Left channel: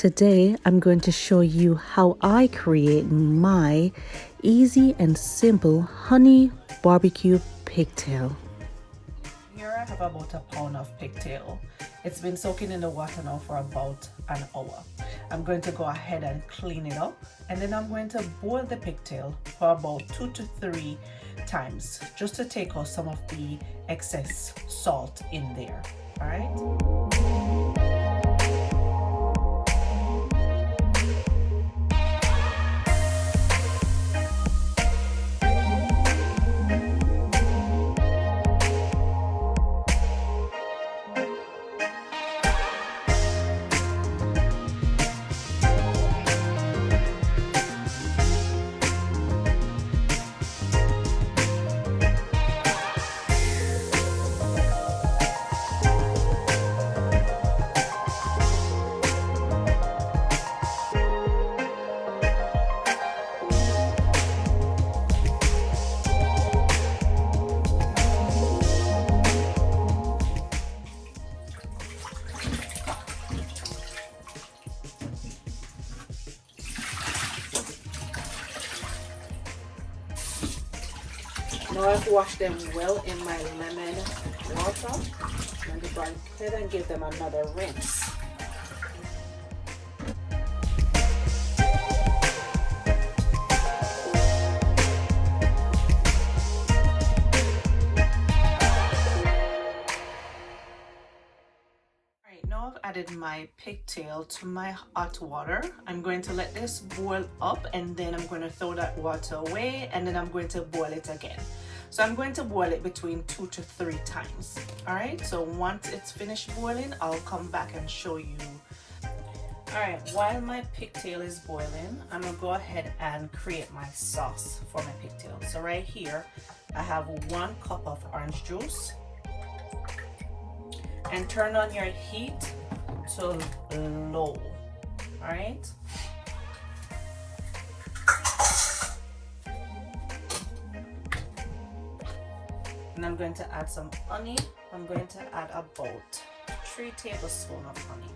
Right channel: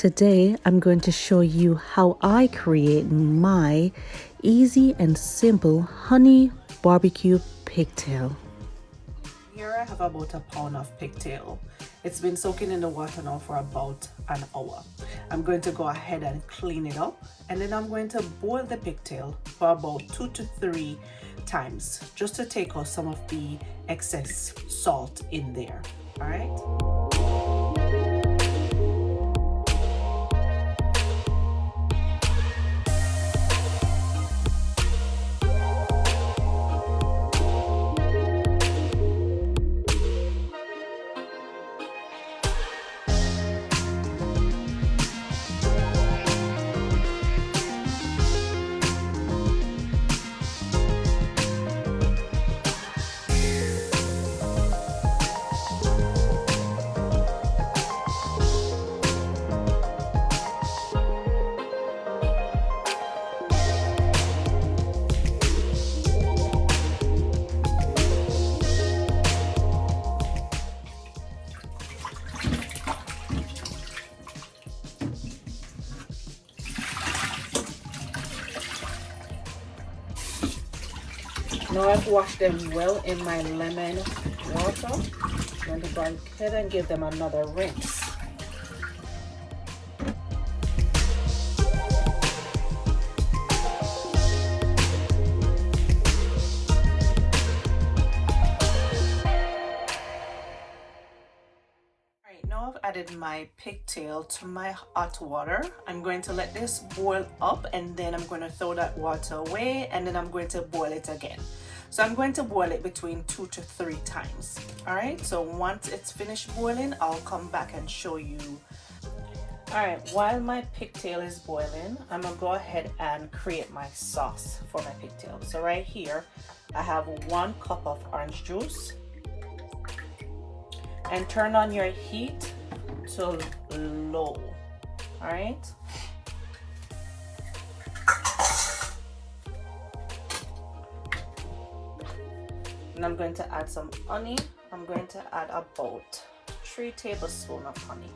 Today I'm going to show you how I create my easy and simple honey barbecue pigtail. Here I have about a pound of pigtail. It's been soaking in the water now for about an hour. I'm going to go ahead and clean it up, and then I'm going to boil the pigtail for about 2 to 3 times just to take out some of the excess salt in there. All right. Now I've washed them well in my lemon water. I'm going to go ahead and give them another rinse. Now I've added my pigtail to my hot water. I'm going to let this boil up, and then I'm going to throw that water away, and then I'm going to boil it again. So I'm going to boil it between 2 to 3 times. All right, so once it's finished boiling, I'll come back and show you. All right, while my pigtail is boiling, I'm gonna go ahead and create my sauce for my pigtail. So right here, I have 1 cup of orange juice. And turn on your heat to low. All right. And I'm going to add some honey. I'm going to add about 3 tablespoons of honey.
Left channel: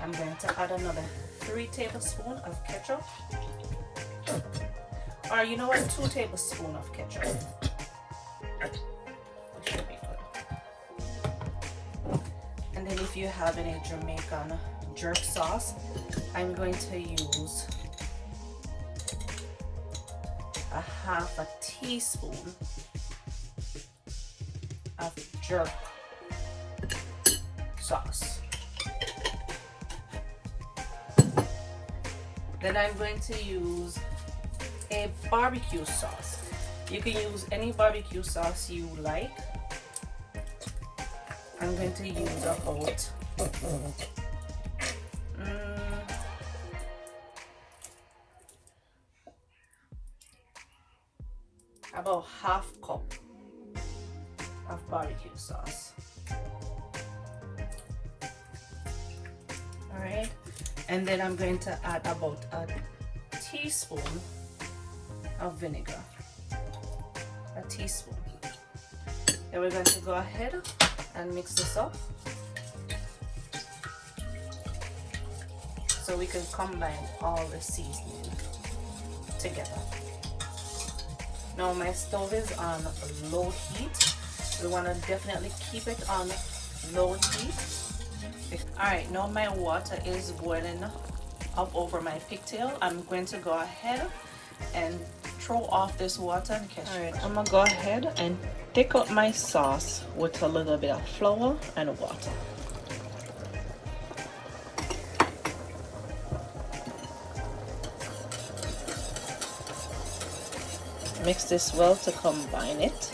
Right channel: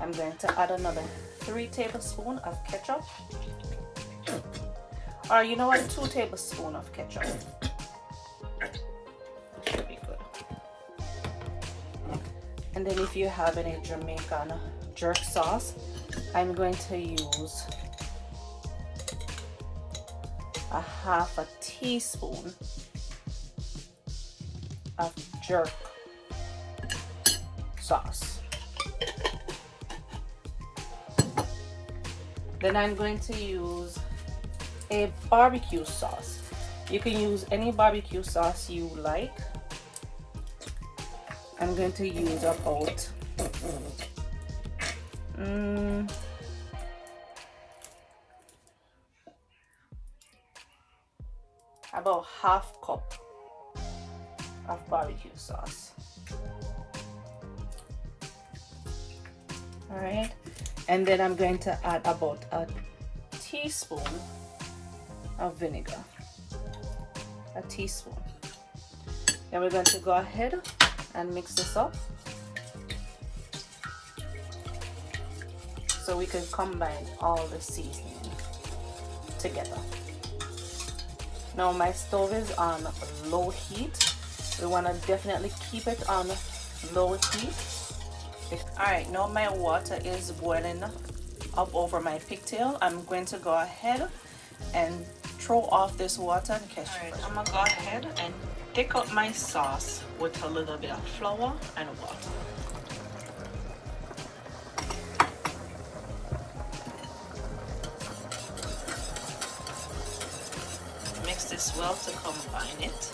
I'm going to add another 3 tablespoons of ketchup. Or you know what, 2 tablespoons of ketchup. It should be good. And then if you have any Jamaican jerk sauce, I'm going to use a 1/2 teaspoon of jerk sauce. Then I'm going to use a barbecue sauce. You can use any barbecue sauce you like. I'm going to use about about 1/2 cup of barbecue sauce. All right, and then I'm going to add about a teaspoon of vinegar. A teaspoon. Then we're going to go ahead and mix this up so we can combine all the seasoning together. Now my stove is on low heat. We want to definitely keep it on low heat. Alright, now my water is boiling up over my pigtail. I'm going to go ahead and throw off this water and catch it. I'm gonna go ahead and thick up my sauce with a little bit of flour and water. Mix this well to combine it.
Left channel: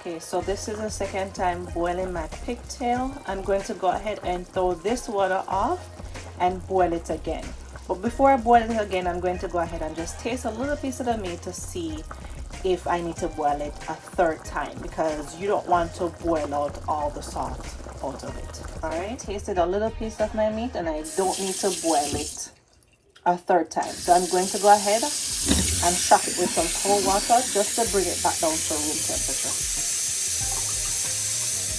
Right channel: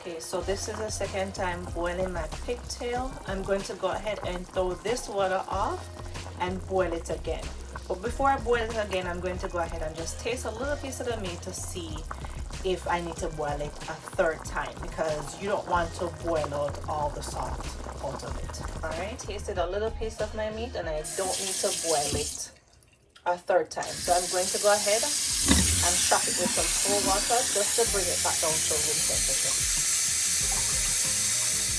Okay, so this is the second time boiling my pigtail. I'm going to go ahead and throw this water off and boil it again. But before I boil it again, I'm going to go ahead and just taste a little piece of the meat to see if I need to boil it a third time, because you don't want to boil out all the salt out of it. All right, tasted a little piece of my meat and I don't need to boil it a third time. So I'm going to go ahead and shock it with some cold water just to bring it back down to room temperature.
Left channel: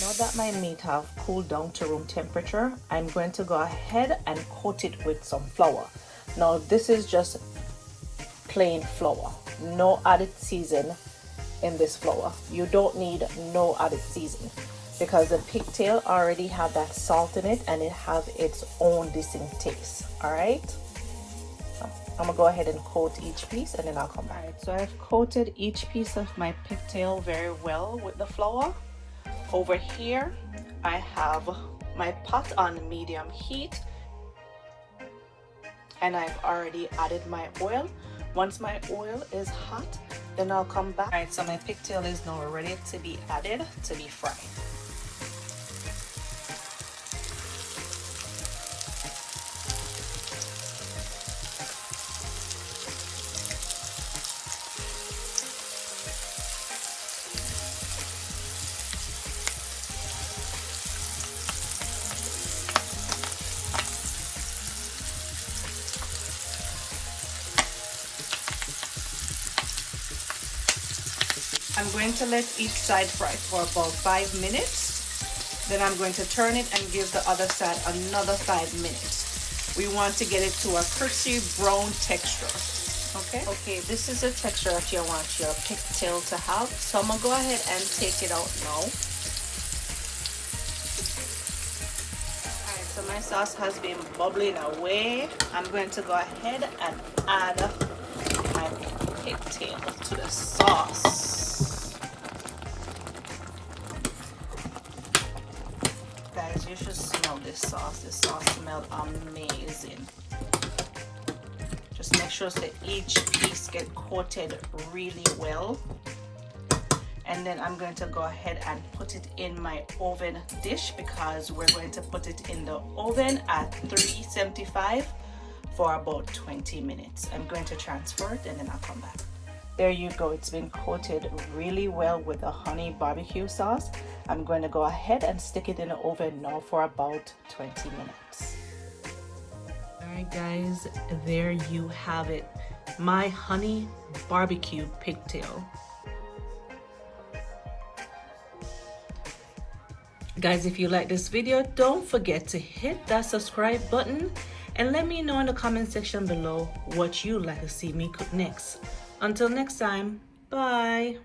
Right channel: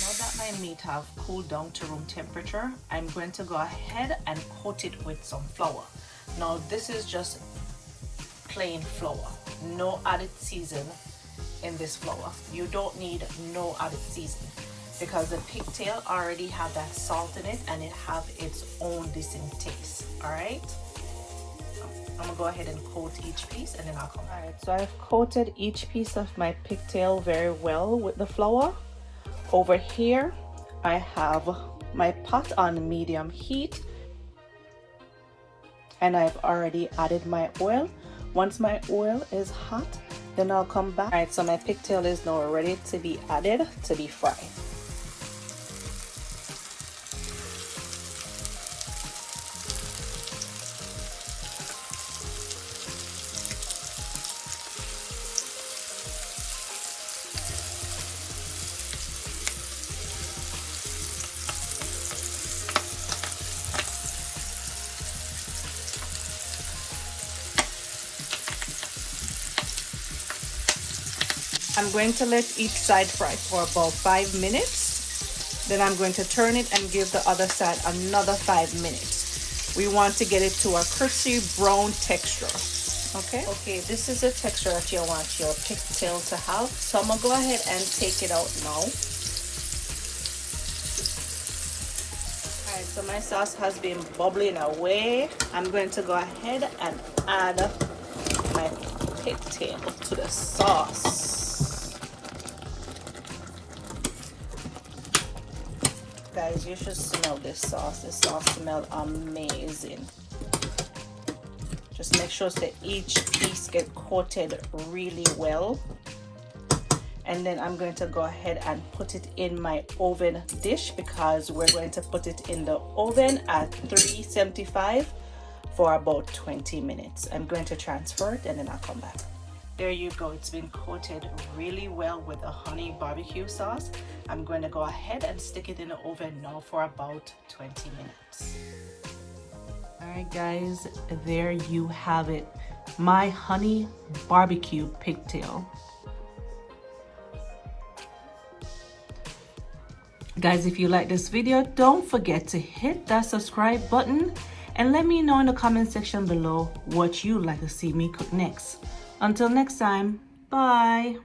Now that my meat have cooled down to room temperature, I'm going to go ahead and coat it with some flour. Now this is just plain flour, no added season in this flour. You don't need no added season because the pigtail already have that salt in it and it have its own distinct taste. All right, so I'm gonna go ahead and coat each piece and then I'll come back. All right, so I've coated each piece of my pigtail very well with the flour. Over here I have my pot on medium heat and I've already added my oil. Once my oil is hot, then I'll come back. All right, so my pigtail is now ready to be added to be fried. I'm going to let each side fry for about 5 minutes. Then I'm going to turn it and give the other side another 5 minutes. We want to get it to a crispy brown texture. Okay, this is the texture that you want your pigtail to have. So I'm gonna go ahead and take it out now. Alright, so my sauce has been bubbling away. I'm going to go ahead and add my pigtail to the sauce. Guys, you should smell this sauce. This sauce smells amazing. Just make sure that each piece get coated really well. And then I'm going to go ahead and put it in my oven dish because we're going to put it in the oven at 375 for about 20 minutes. I'm going to transfer it and then I'll come back. There you go. It's been coated really well with a honey barbecue sauce. I'm going to go ahead and stick it in the oven now for about 20 minutes. Alright guys, there you have it. My honey barbecue pigtail. Guys, if you like this video, don't forget to hit that subscribe button and let me know in the comment section below what you'd like to see me cook next. Until next time, bye.